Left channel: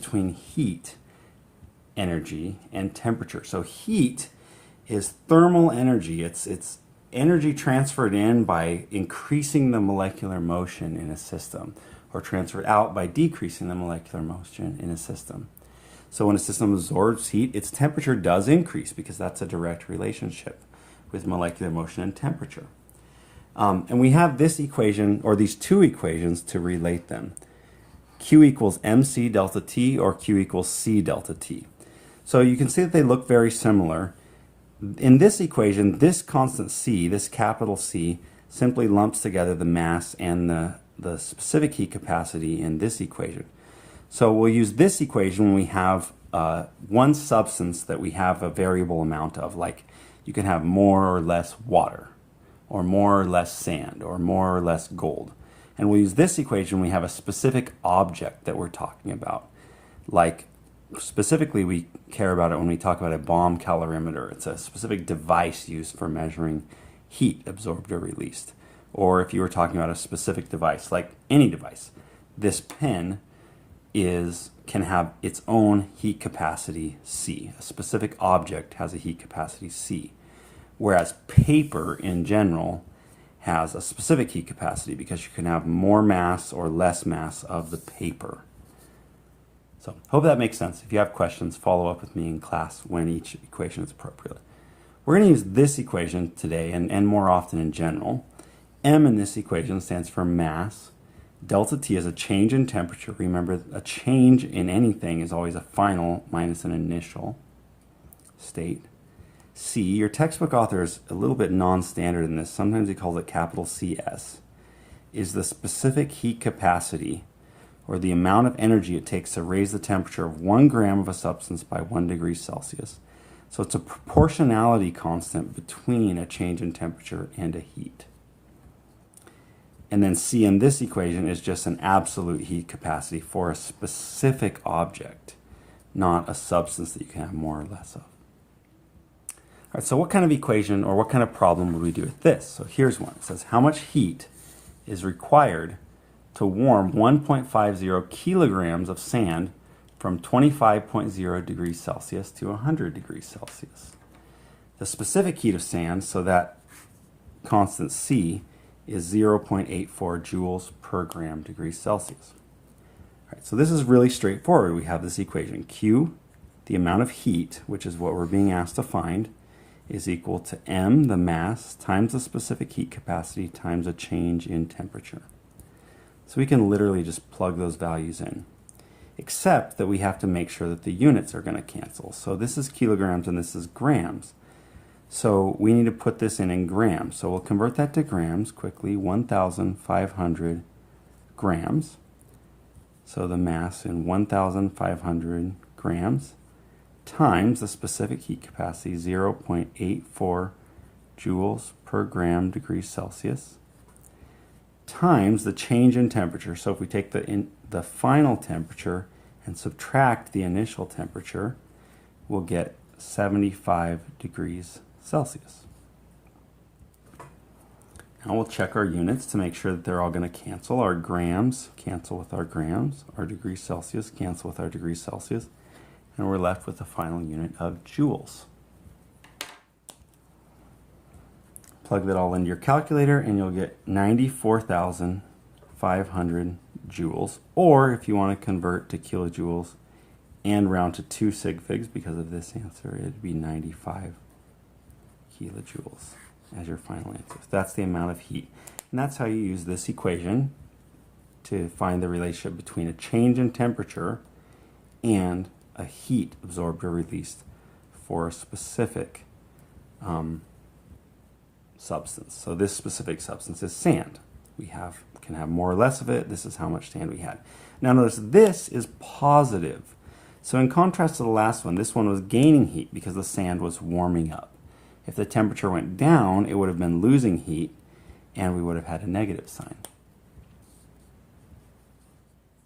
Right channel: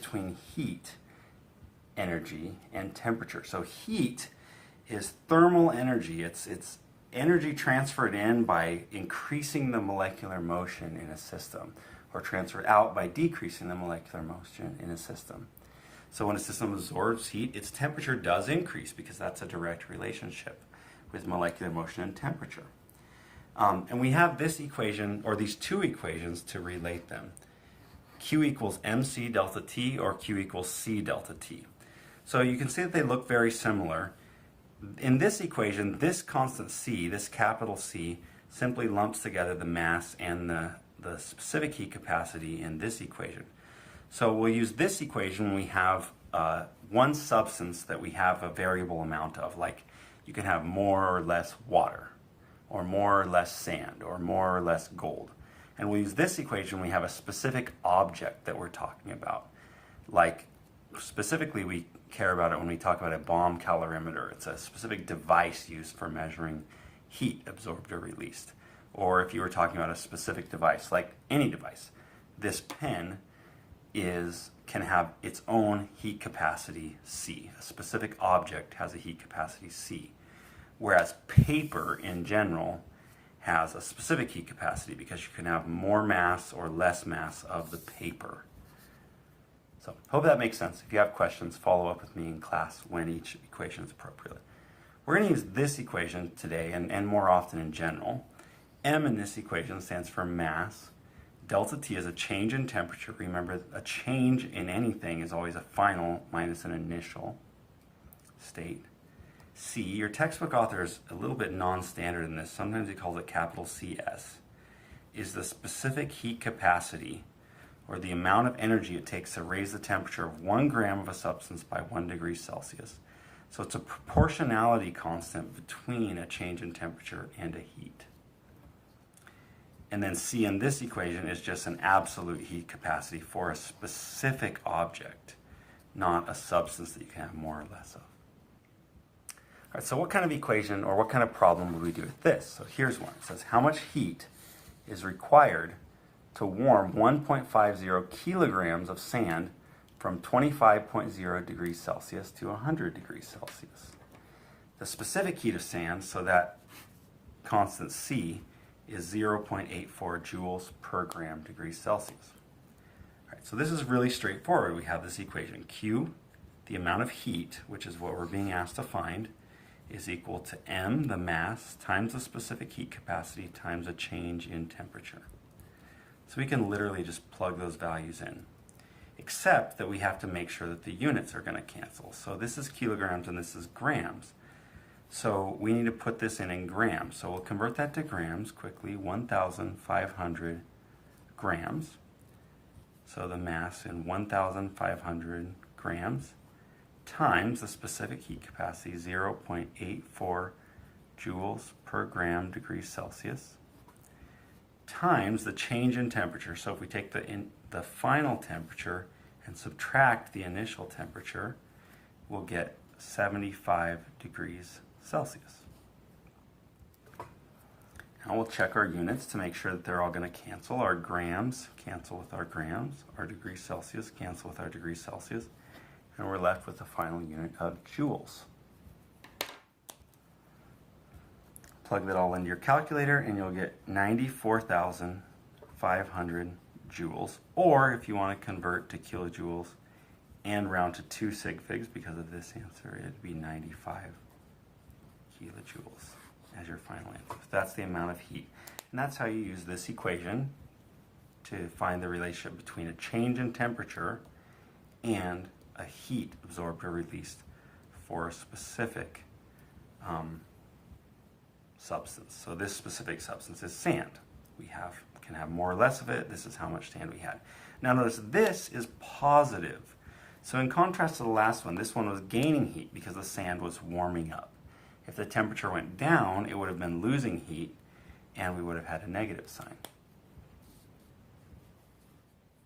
between heat energy and temperature. So heat is thermal energy. It's energy transferred in by increasing the molecular motion in a system, or transferred out by decreasing the molecular motion in a system. So when a system absorbs heat, its temperature does increase because that's a direct relationship with molecular motion and temperature. And we have this equation, or these two equations, to relate them. Q equals mc delta T, or Q equals C delta T. So you can see that they look very similar. In this equation, this constant C, this capital C, simply lumps together the mass and the specific heat capacity in this equation. So we'll use this equation when we have one substance that we have a variable amount of, like you can have more or less water, or more or less sand, or more or less gold. And we'll use this equation when we have a specific object that we're talking about. Like, specifically we care about it when we talk about a bomb calorimeter. It's a specific device used for measuring heat absorbed or released. Or if you were talking about a specific device, like any device, this pen can have its own heat capacity C. A specific object has a heat capacity C. Whereas paper in general has a specific heat capacity because you can have more mass or less mass of the paper. So hope that makes sense. If you have questions, follow up with me in class when each equation is appropriate. We're going to use this equation today and more often in general. M in this equation stands for mass. Delta T is a change in temperature. Remember, a change in anything is always a final minus an initial state. C, your textbook author is a little bit non-standard in this. Sometimes he calls it capital CS, is the specific heat capacity, or the amount of energy it takes to raise the temperature of 1 gram of a substance by 1 degree Celsius. So it's a proportionality constant between a change in temperature and a heat. And then C in this equation is just an absolute heat capacity for a specific object, not a substance that you can have more or less of. All right, so what kind of equation or what kind of problem would we do with this? So here's one. It says how much heat is required to warm 1.50 kilograms of sand from 25.0 degrees Celsius to 100 degrees Celsius. The specific heat of sand, so that constant C, is 0.84 joules per gram degrees Celsius. All right, so this is really straightforward. We have this equation. Q, the amount of heat, which is what we're being asked to find, is equal to M, the mass, times the specific heat capacity times a change in temperature. So we can literally just plug those values in, except that we have to make sure that the units are going to cancel. So this is kilograms and this is grams. So we need to put this in grams. So we'll convert that to grams quickly, 1,500 grams. So the mass in 1,500 grams times the specific heat capacity, 0.84 joules per gram degrees Celsius, times the change in temperature. So if we take the final temperature and subtract the initial temperature, we'll get 75 degrees Celsius. Now we'll check our units to make sure that they're all going to cancel. Our grams cancel with our grams, our degrees Celsius cancel with our degrees Celsius, and we're left with the final unit of joules. Plug that all into your calculator and you'll get 94,500 joules, or if you want to convert to kilojoules and round to 2 sig figs because of this answer, it'd be 95 kilojoules as your final answer. So that's the amount of heat. And that's how you use this equation to find the relationship between a change in temperature and a heat absorbed or released for a specific substance. So this specific substance is sand. We can have more or less of it. This is how much sand we had. Now notice this is positive. So in contrast to the last one, this one was gaining heat because the sand was warming up. If the temperature went down, it would have been losing heat and we would have had a negative sign.